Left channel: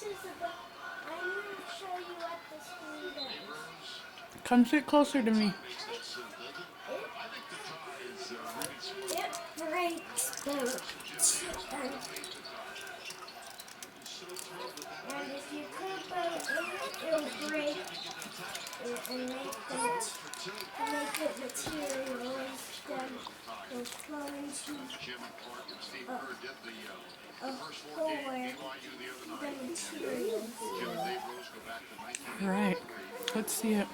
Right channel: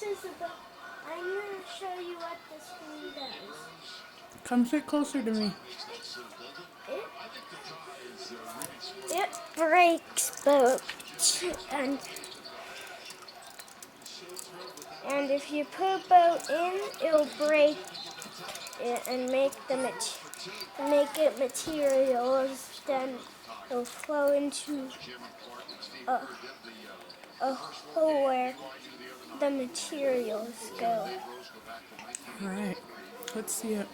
this is about. I'm going to show you what this thing does. Come sit closer to me. It breaks boats, and if you put a boat in, it'll break it and make it materials. Then it'll flow into a, a hole where the materials go. Alright, let's see it.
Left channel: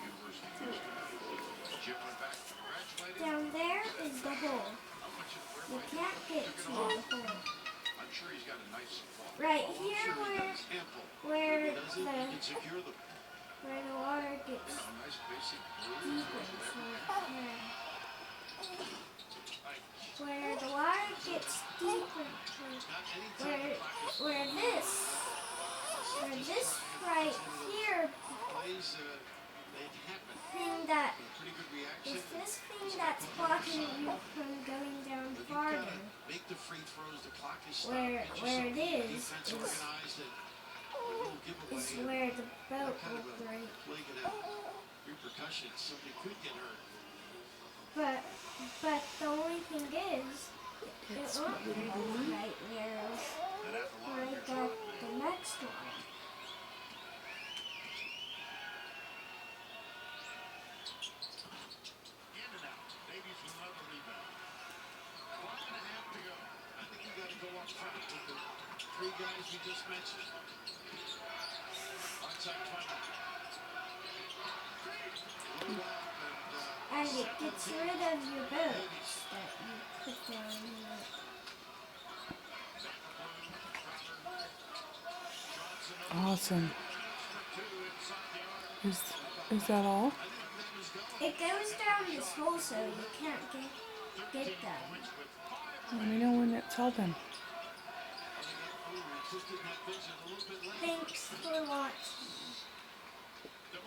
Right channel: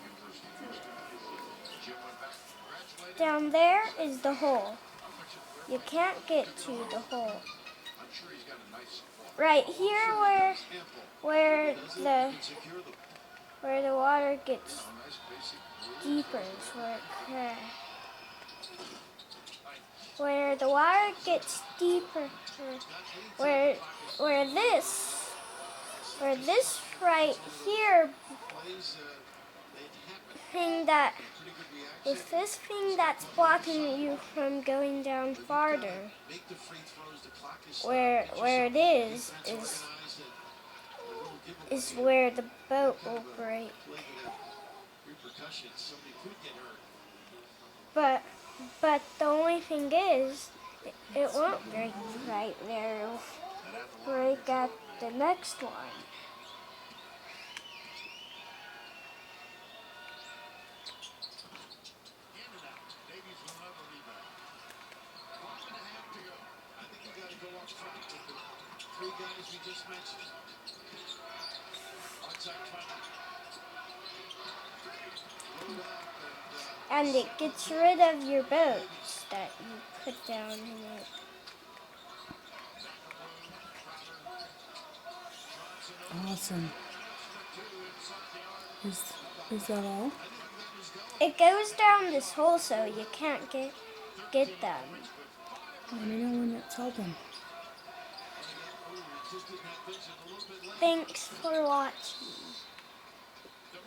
Down there is the hole. You can't get to the hole. Right here where the water gets deeper is right there. Where the water gets deeper, where this right here thing that is this thing that's blocking you from going down farther. Where it is where the boat will break. But the only thing is, it won't break right there. Break at the next one. Three guys we just mentioned. And it gets rid of your boats that you put down here. Awesome. Is that all? It goes down this hole so you can't get them. Let me know when it's all done. Thanks for watching.